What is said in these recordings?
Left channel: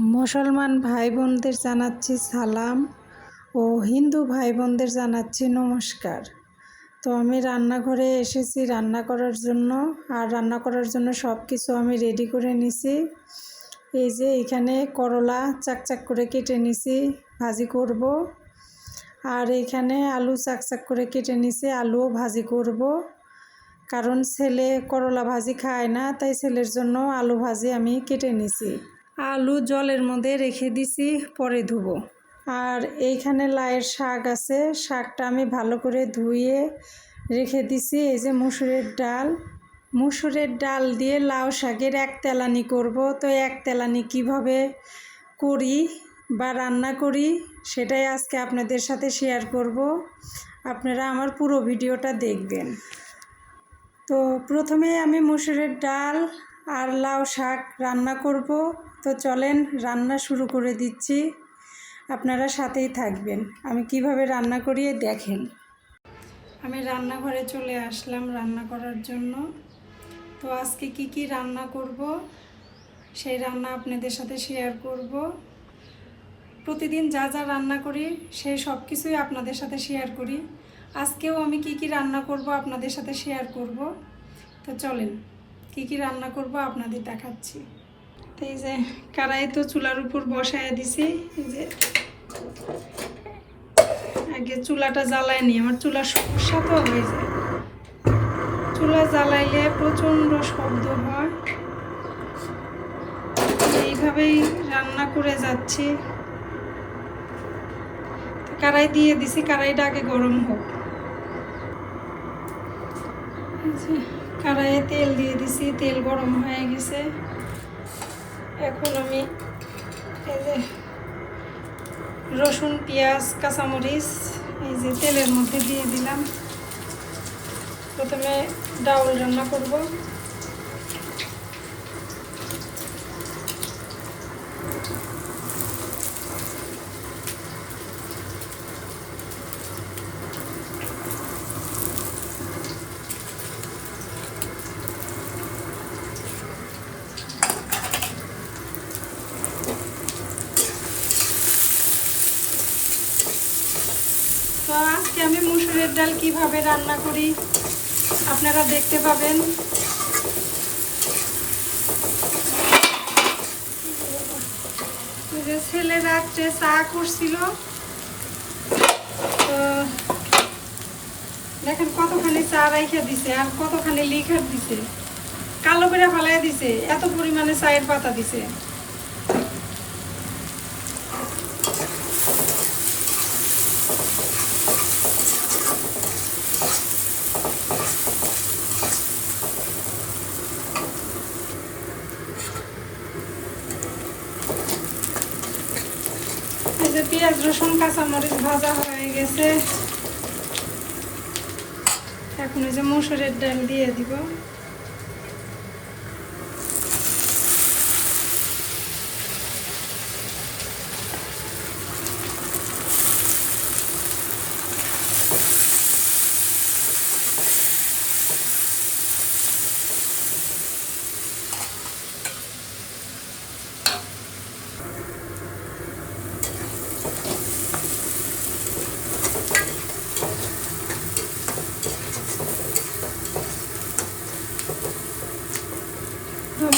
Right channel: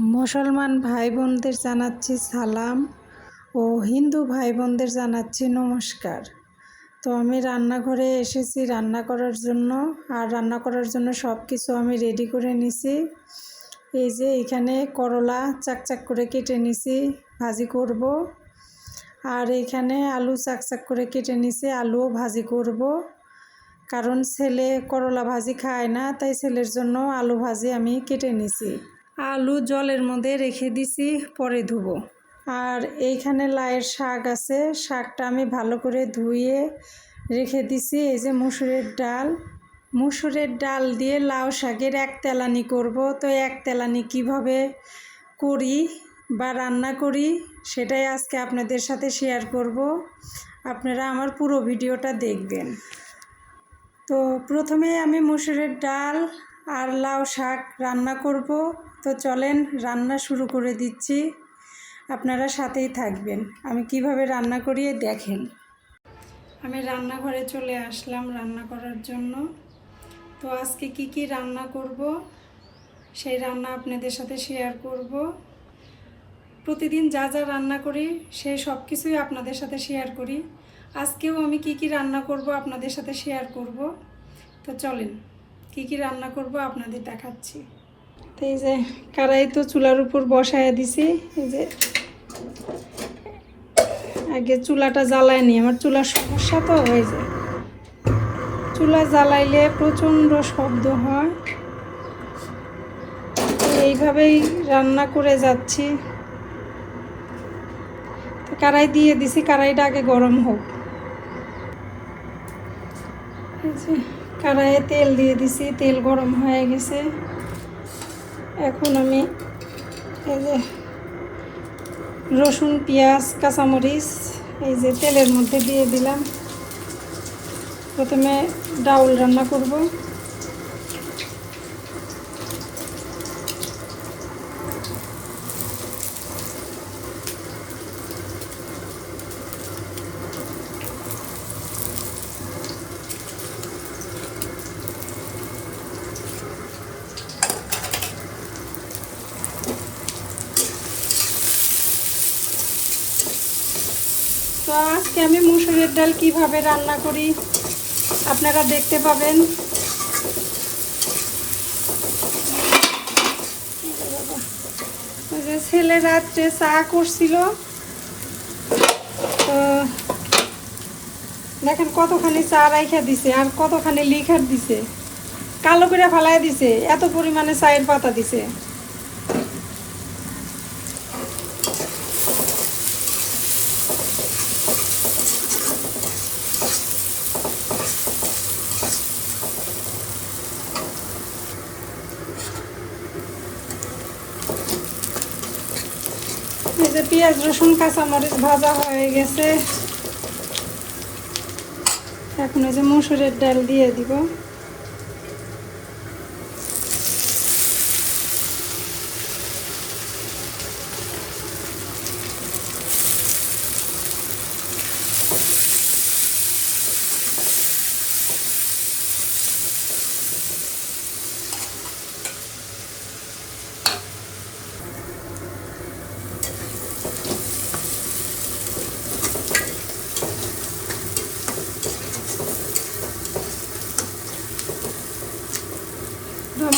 মুসলমান ভাই বোনদের জানাচ্ছি সালাম ও হিন্দু ভাই বোনদের জানাচ্ছি নমস্কার। তো আমি রান্নাঘরে এসেছি রান্না করার জন্য, আর রান্না করার জন্য সব কিছু আমি রেডি করে নিছি। এই যে এখানে করলা চাকচাক করে কেটে নিছি, ভাজি করব। আর এখানে আলু চাকচাক করে কেটে নিছি, আলুও ভাজি করব। কারণ ছেলে করলা ভাজি খায় না, তাই ছেলের জন্য আলু ভাজি আমি কেটে নিছি। আলু জলের মধ্যে রেখে দিছি, পরে ধুবো। আর এইখানে লাউয়ের শাক আছে, শাকটা আমি ভালো করে ধুয়ে রেখে দিছি। এই যে মুসুরের ডাল দিয়ে লাউ শাকের এক তেলানি করব। তো এক তেলানি কিভাবে করি বা রান্না করি সেটাই আজকে আপনাদের সাথে শেয়ার করব। আপনারা আমার পুরো ভিডিওটা দেখবেন। তো প্রথমে আমি মুসুরের ডাল আর লাউ শাক রান্না করব। তো চলেন রান্না শুরু করে দিচ্ছি, আপনারা সাথেই থাকবেন। আমি কিভাবে রান্না করি দেখেন। আমি রান্নাঘরে চলে আসলাম রান্না করার জন্য। তো আজকে কি রান্না করব সেই রান্না আপনাদের সাথে শেয়ার করব। প্রতিদিন যা যা রান্না করি সেই সব কিছুই আপনাদের সাথে শেয়ার করি। আজকেও আমি কি রান্না করব আপনাদের সাথে শেয়ার করব। তো চলেন কি রান্না করব আপনাদের দেখাচ্ছি। তো এই যে কড়াই তো চুলার উপর বসায় দিছি। এই যে আগে চুলাটা জ্বালায় নি, আমার চুলার সমস্যা তো হয়ে যায়। চুলা জ্বালাইলে প্রচণ্ড শব্দ হয়, এইভাবেই রান্না করে যাচ্ছি। কড়াই দিয়ে দিছি, কড়াইটা আগে গরম হোক। কড়াইয়ে তেল দিয়ে দিছি, তেল গরম হয়ে গেছে। এখন আমি এই যে রসুন পেঁয়াজ কাঁচামরিচ এই যে তেলের মধ্যে দিয়ে দিলাম। প্রথমে ডাউল রান্না করব। তো আজকে আমি মুসুরের ডাল কিভাবে রান্না করি আপনারা দেখতে পাবেন। ওই যে ছেলে রাত্রে চা করছিল, তো দেখেন কতখানি চা রাইখা দিছে আর কতখানি লিখার দিছে, কালো করে ফালাই দিছে, এত পরিমাণে চায়ের পাতা দিছে। পেঁয়াজ রসুন কাঁচামরিচ ভাজা হয়ে গেছে। এখন এই যে মসুরের ডাল দিয়ে দিব।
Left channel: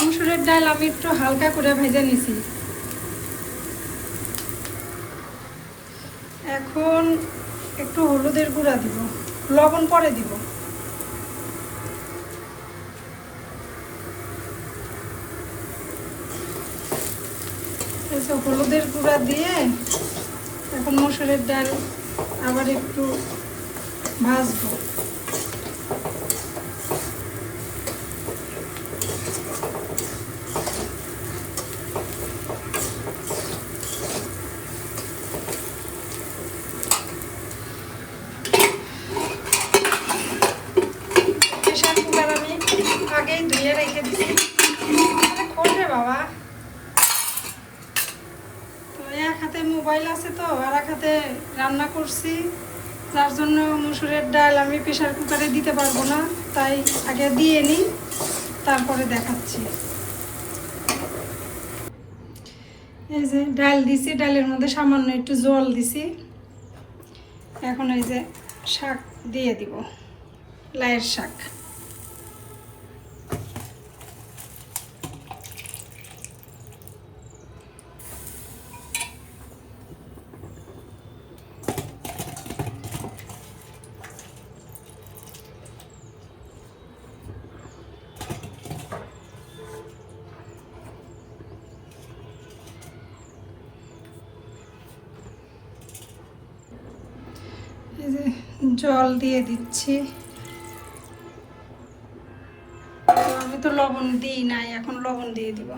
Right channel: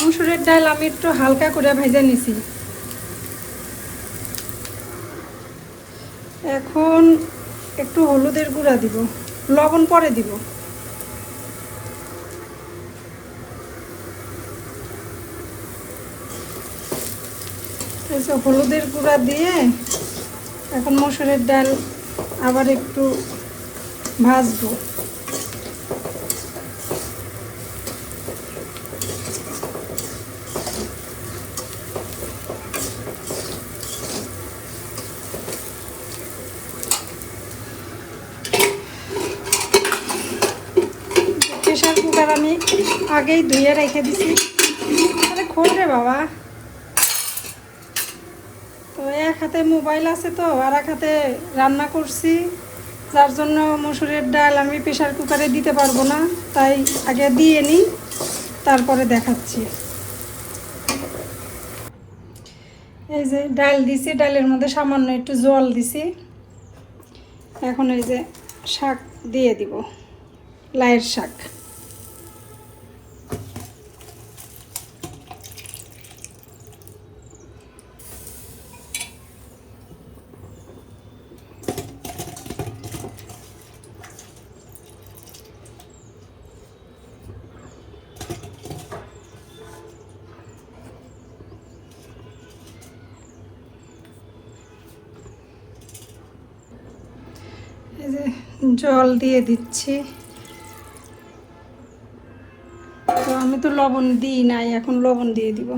মসুরের ডাল আমি একটু হালকা করে ভেজে নিছি। এখন একটু হলুদের গুঁড়া দিব, লবণ পরে দিব। হলুদের গুঁড়া দিয়ে এখন মসুরের ডাল আবার একটু ভাজবো। আগেই ধুয়ে রেখে দিছি, করবে বাবা। তো এক হাতে মোবাইল আছে তো আর এক হাতে রান্না করছি, যার জন্য মসুরের ডাল আমি প্রেশার কুকারে দিতে পারবো না, তাই আগে দিয়ে নিই তারপরে দেখাচ্ছি। এই যে ডাল দিছি, ডালের মধ্যে সামান্য একটু জল দিছি। এখন এই যে শাক দিয়ে দিব, লাইয়ের শাক। এই যে জল দিয়ে দিচ্ছি। আমি তো লবণ দিই নাই, এখন লবণ দিয়ে দিব।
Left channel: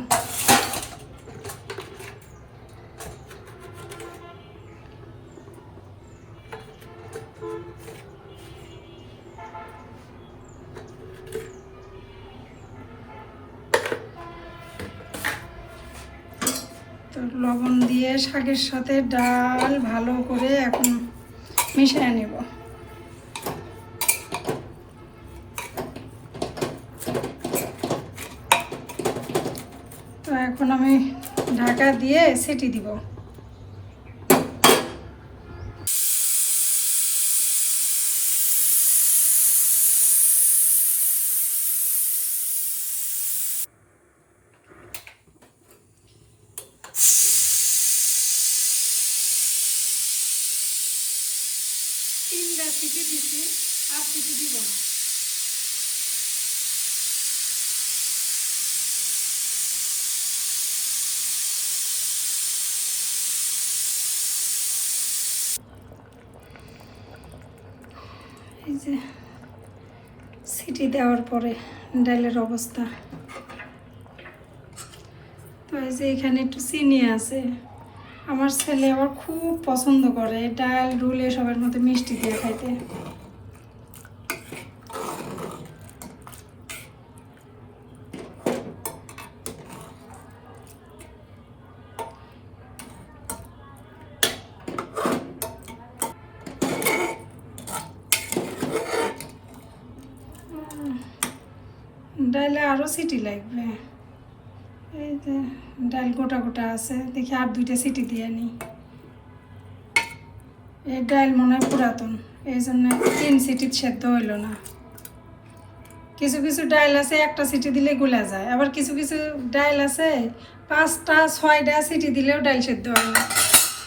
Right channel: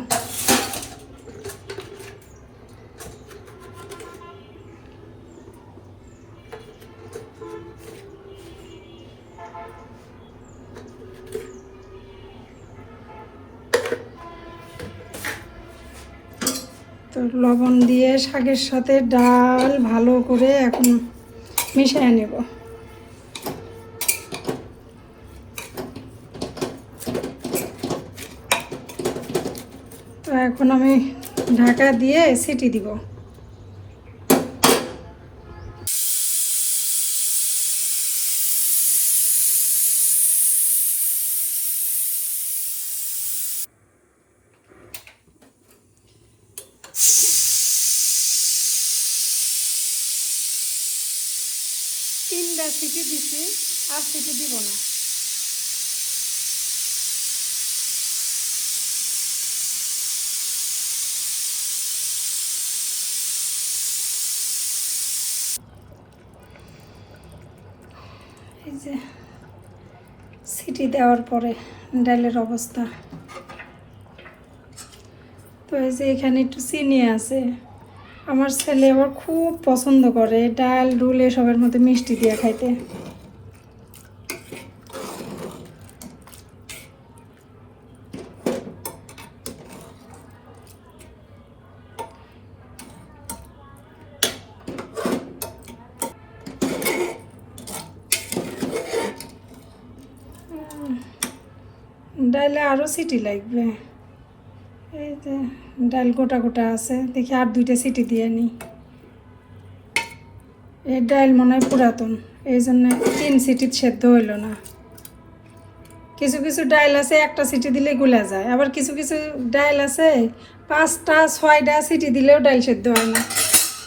তো লবণ দিয়ে শাকের সাথে ডাল ভালো করে এখন মিশিয়ে নেব। তো এখন আমি ঢাকা দিয়ে সিটি দিব। তিনটা সিটি দিছি, আর সিটি দিব না। এই যে সিটি দেওয়ার পরে ডালের অবস্থা। তো এই যে এখানে একটু চিনি আছে, আমার ছেলে আবার খুব পছন্দ করে ডাল ডুল এসবের মধ্যে মিষ্টি দিয়ে খাইতে। ডালে আরও সিটি লাগবে। এই যে ডাল গোটা গোটা আছে, দেখি আর দুইটা সিটি দিয়ে নিই। এই ডাল মনে হয় পুরাতন, এই জন্য 3 সিটি সেদ্ধ হইল না। কিছু কিছু ডাল আছে একটা সিটি দিলে গুলা যায়, আবার কিছু কিছু ডাল আছে 5টা 6টা সিটি দিলেও ডাল সেদ্ধ হয় না।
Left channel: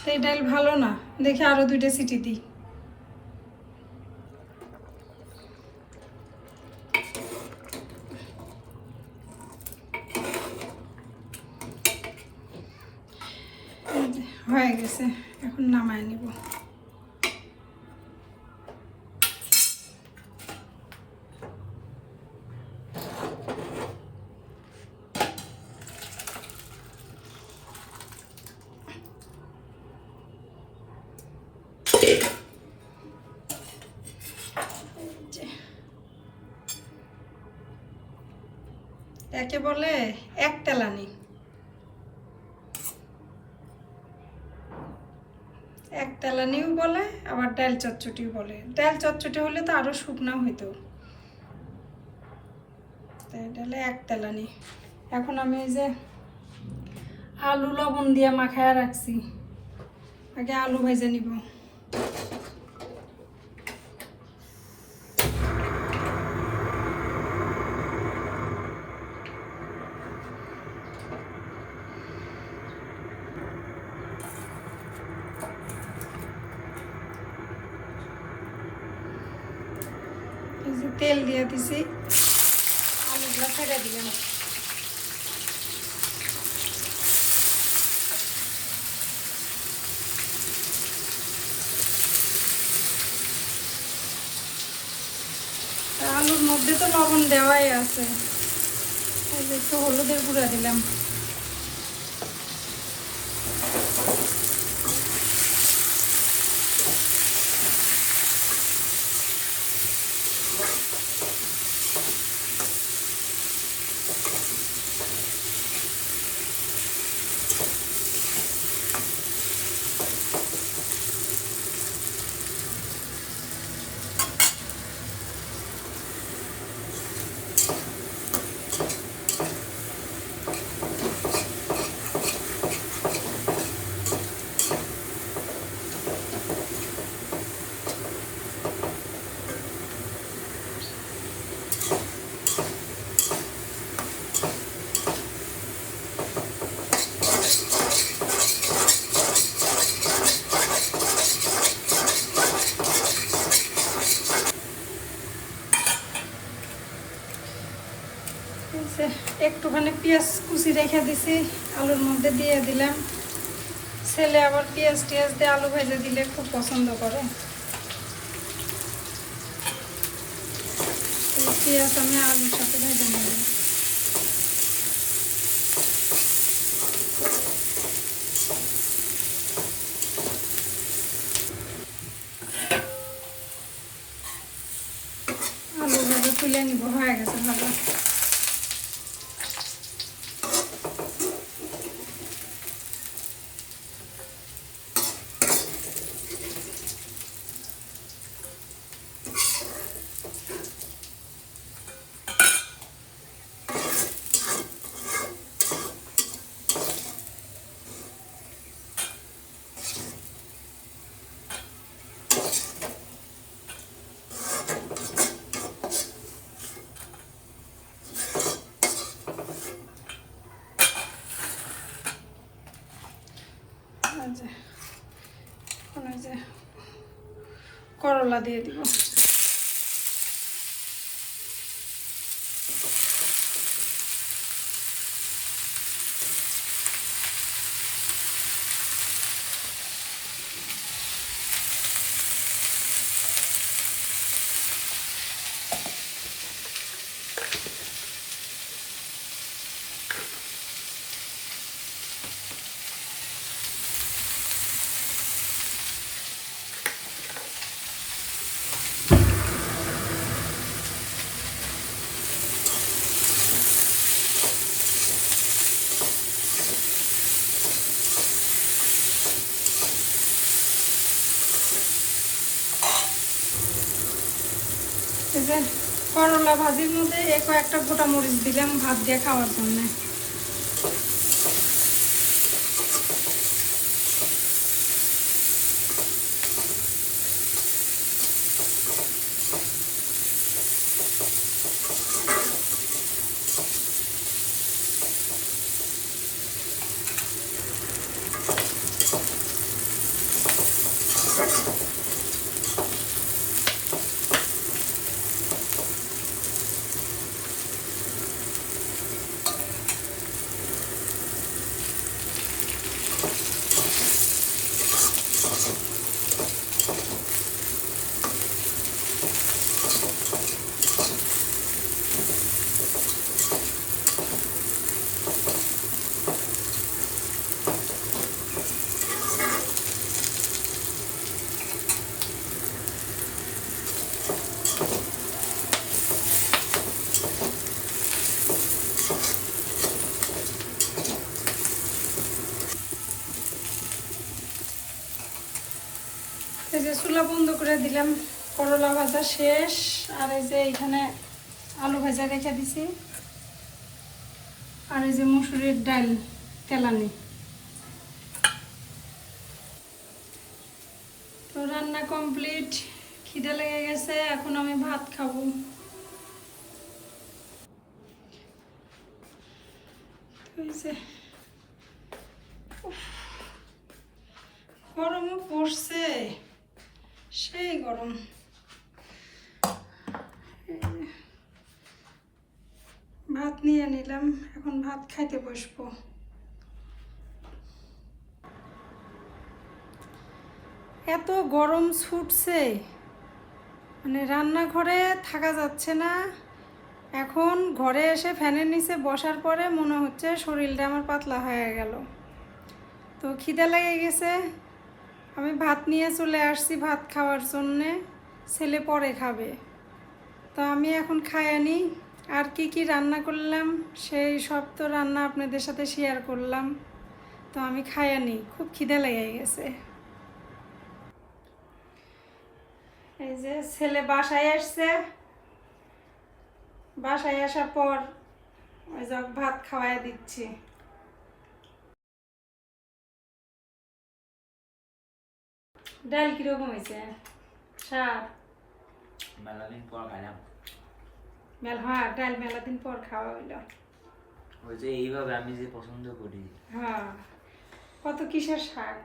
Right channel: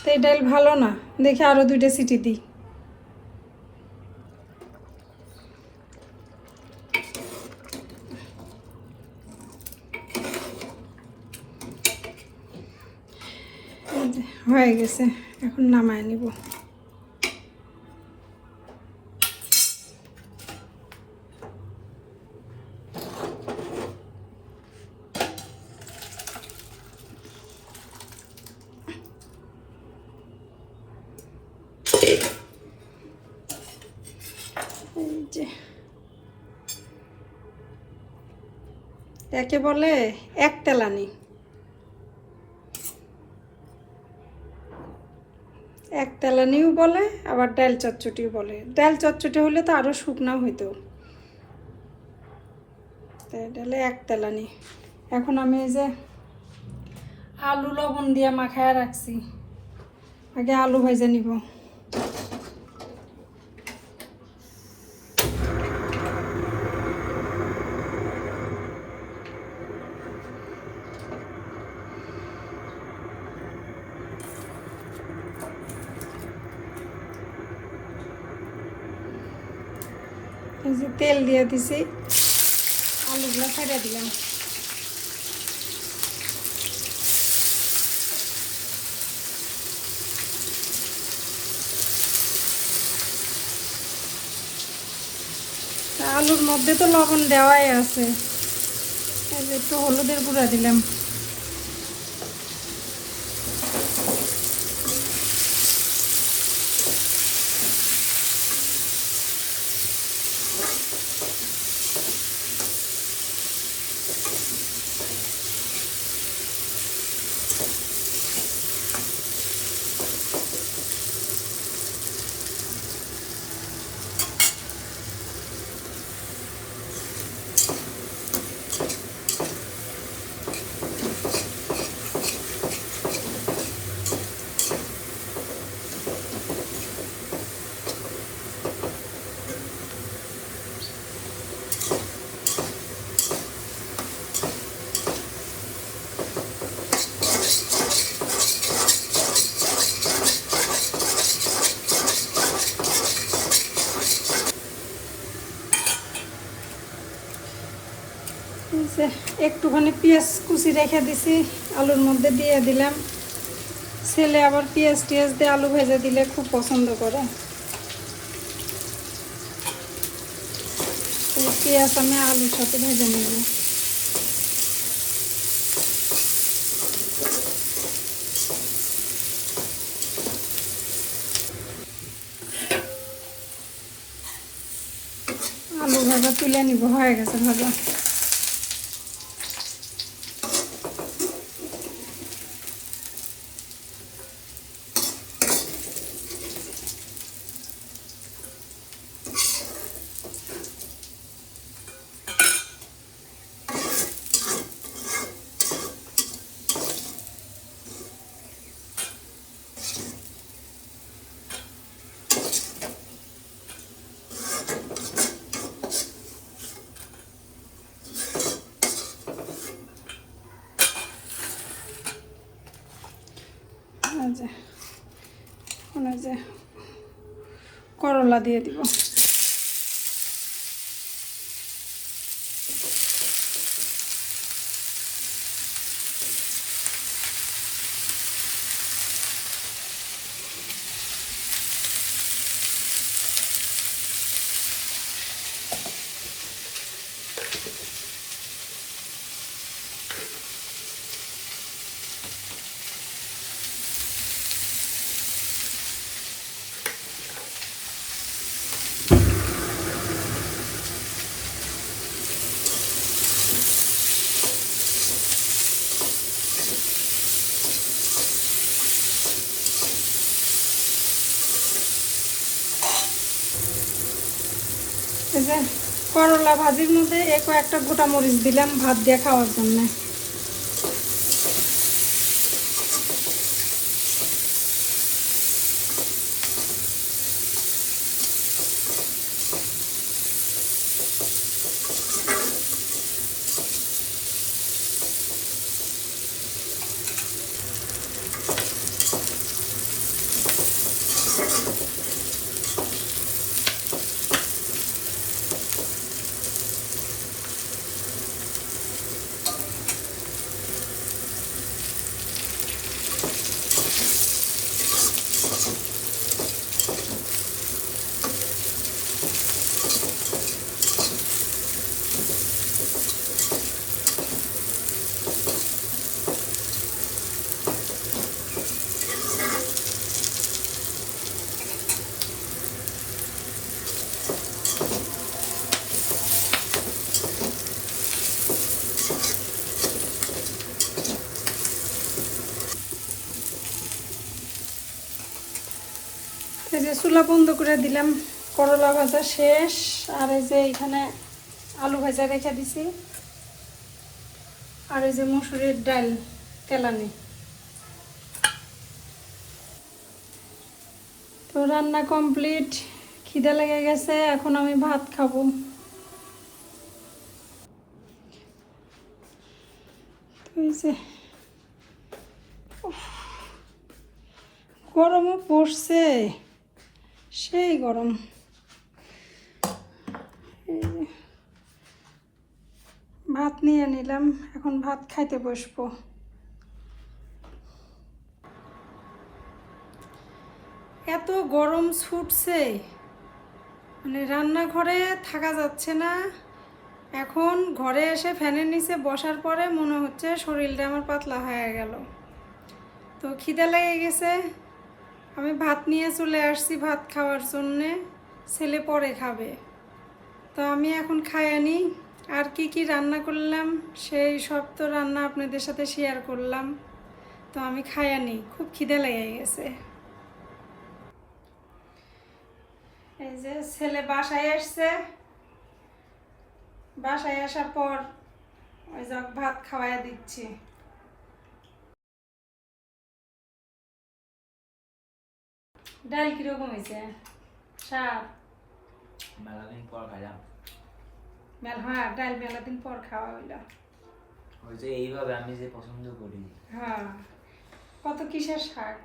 তো এই ডাল ভালো না, দেখি আরও 2টা সিটি দিই। হয়ে গেছে, এখন নামায় নেব। একে বলে এক তেলানি। এক তেলানিও বলে, আবার ডাল চচ্চটিও বলে। ডাল চচ্চটি হলে তো আরও শুকনা হইতো, তাই ডালে এক তেলানি। এখন আমি এই যে আলু লবণ দিয়ে মাখায় রাখছি, আগে আলু ভাজা নিব। তেল দিয়ে দিছি, আলুগুলো কেটে দিলাম। আলুর মধ্যে তো লবণ দেওয়াই আছে, একটু হলুদের গুঁড়া দিলাম। মাইখা দিছি, আলুর মধ্যে দিয়ে দিলাম। ছেলে আবার পেঁয়াজ টিয়াজ দিয়ে আলু ভেজে দিলে খুব পছন্দ করে। পেঁয়াজ আমি আলুর সাথে ভেজে নেব। আলু ভাজা তুলে নিব, হয়ে গেছে ভাজা। করলা দিয়ে দিব। করলা ভাজির মধ্যে একটা গোটা মরিচ দিলাম ভাত দিয়ে খাওয়ার জন্য। চুলা বন্ধ করে দিলাম, করলা ভাজা শেষ। আর এই যে এখানে আলু ভাজা রেখে দিছি, আর এই যে মুসুরির ডাল তেলানি। তো রান্না কমপ্লিট, খিদে লেগে গেছে, এখন আমি ভাত খাবো। গরমও পড়ছে, সেই গরম। ভাত নিয়ে নিলাম, এখন ভাত খাইতে বসবো। এত গরম ছুটছে, মানে রান্নাঘরে থাকা যাচ্ছে না। এখন ঘরে এসে ফ্যানের নিচে বসার পরে মনে হচ্ছে শরীরটা আমার পাতলা হয়ে গেল। তো খিদে লেগে গেছে, আমি ভাত নিয়ে চলে আসছি ভাত খাওয়ার জন্যে। ছেলে পরে খাবে, তো আমি এখন খাই আনি। আর কি কি রান্না করলাম সেই সব তো রান্না আপনাদের সাথে শেয়ার করলাম। তো আমি খাই আনি, খুব খিদে লেগে গেছে। এই যে ছেলে বাসায় আসছে, বাসায় আসার পর ওই যে ভাত খাওয়াই দিচ্ছি। ডাল কিরকম হয়েছে? স্বাদ? মেলা দিন পর খাইলাম। হ্যাঁ, ডাল মেলা দিন পর খাওয়া হইলো। ওই যে এইভাবে আমি যে পছন্দ করি। হ্যাঁ, কত কিসের শাক?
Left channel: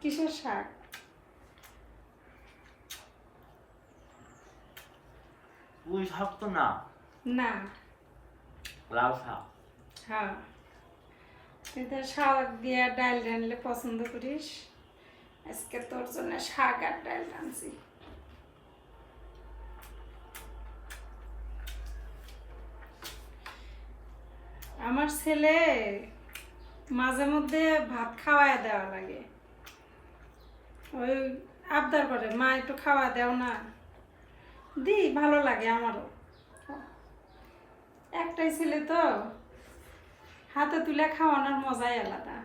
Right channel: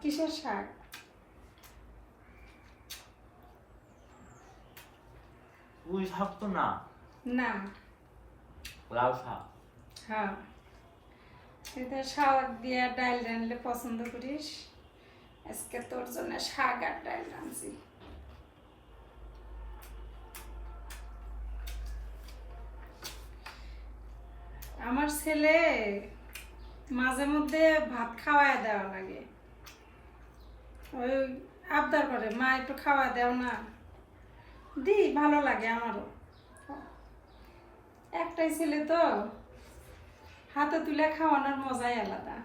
কিসের শাক? পুঁই শাক তো না। না, লাউ শাক। হ্যাঁ, তুই তো শাক দিয়ে ডাল রানলে পছন্দ করিস, আজকে তোর জন্য শাক আর ডাল রানছি। আমার ছেলে মাঝে মধ্যে ভাত খাওয়ায় দেওয়া লাগে, ওই আবদার করে মা একটু খাওয়া দেও না, দি ভালো লাগে আমারও। একটাই ছেলে তো, হাতে তুলে খাওয়ানোর মজাই আলাদা,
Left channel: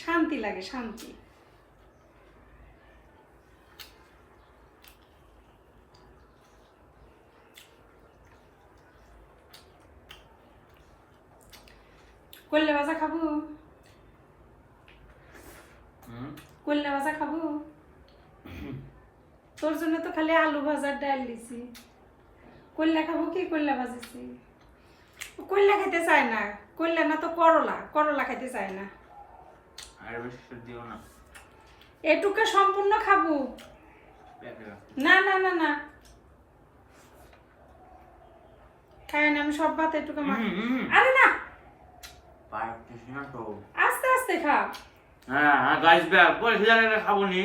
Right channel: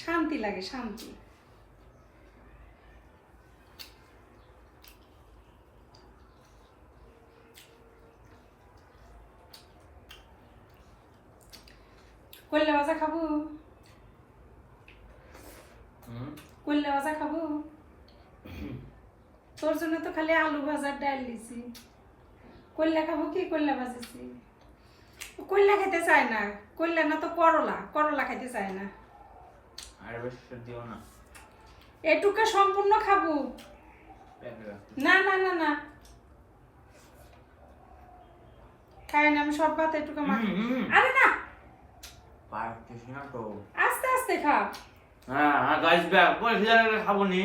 শান্তি লাগে শান্তি। কল্লে ভাজা খাবো, কল্লে ভাজা খাবো? তোর জন্য তো খালি আলু ভাজার ডাল দিছি, কল্লা খাবো কি? কল্লা ভাজিছি, কল্লা খেতে চায় না, কল্লা না তো করলা, করলা খেতে চায় না। আর বেশি দিও না, এটুকু সম্পূর্ণ খাবো। না না না না, খাই না আমি সব ভাত এটুকু মাখি। আরে না, পারছিস না তো। আস্তে আস্তে খা। হ্যাঁ হ্যাঁ গাইস ব্যাগ পরে খিদা লাগলে খাবো নি,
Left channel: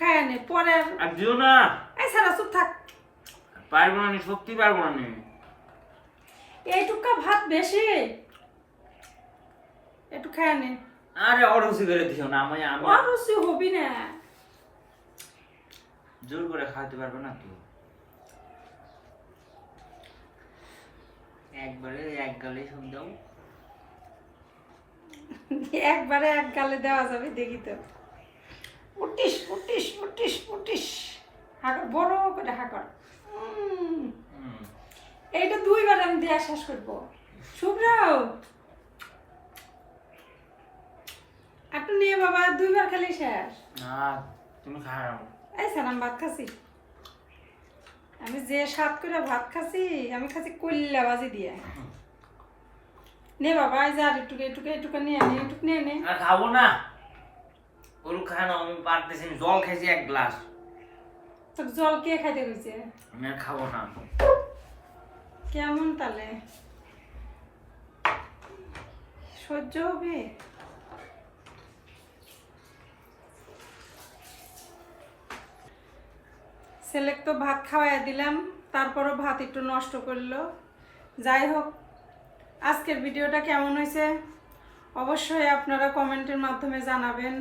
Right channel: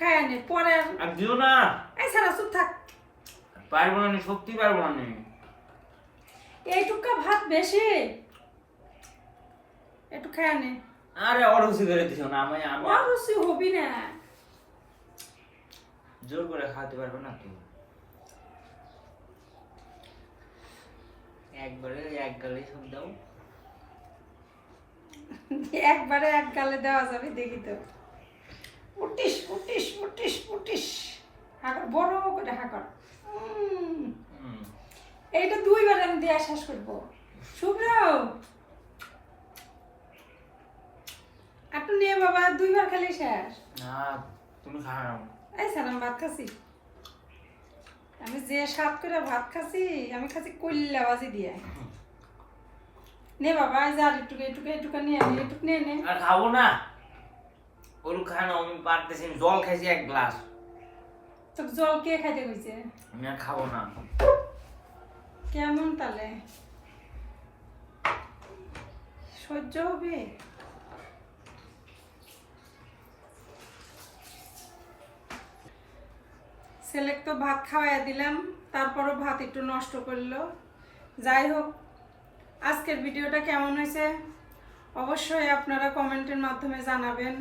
খাই নে পরে। আর দিও না। এই সারা চুপ থাক। পারবো না নি, সত্যি পারবো না নি। এইটুকু ভাত বেশি, একটু খাই নে। আরে অরুচি করে দিও না, আমি আমি অরুচি হবি না, জোর করে খাওয়াতে পারবে না তো। একবারে এক গালে সব দাও। একবারে এক গালে দেওয়া যাবে, দেখি তো। উঠিস উঠিস উঠিস উঠিস, হাঁকর বড় করে হাঁকর। এইটা 2 বার আমি দেওয়া শেষ করবো। শুভ্র একটু নিয়ে বাবা, 2 বার খালি শেষ। না তুমি খাও। এই সালাম ভাত খাসি, আমি যে স্বাদ করে ভাত খাসি, আমি খাসি কল্লা ভাজি দিয়ে। নে বাবা, এই যে আর একটু একটু একটু নিয়ে নে, একটু নিয়ে নে। আর খাবো না, ওর খানো আমি পারতেছি, জল খাইছি 1 গ্লাস। তো জল কে খাইতে কইছে? আমি আর খাবো না। কেমন তাহলে সহ্য হবে? ছেলেকে তো ভাত খাওয়াইয়া দিলাম, তারপরও ভাত একটু নষ্ট করলো। যাই হোক, আজকের ভিডিওটা কেমন হয়েছে অবশ্যই আপনারা কমেন্টের মাধ্যমে জানাবেন।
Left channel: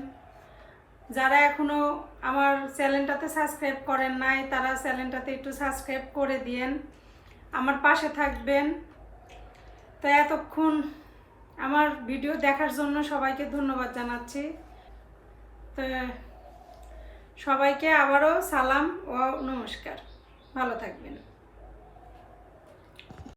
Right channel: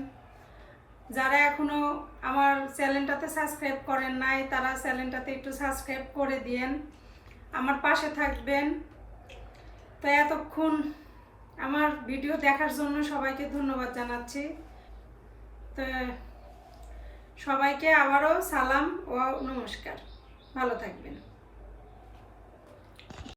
যারা এখনো আমার চ্যানেলটাতে সাবস্ক্রাইব করেন নাই, তারা চ্যানেলটাতে একটু সাবস্ক্রাইব করে দিয়েন, আমার পাশে থাকবেন। তো এতক্ষণ আমার ভিডিও দেখার জন্য সবাইকে ধন্যবাদ জানাচ্ছি। তো সবাইকে আবারও সালাম ও নমস্কার, ভালো থাকবেন।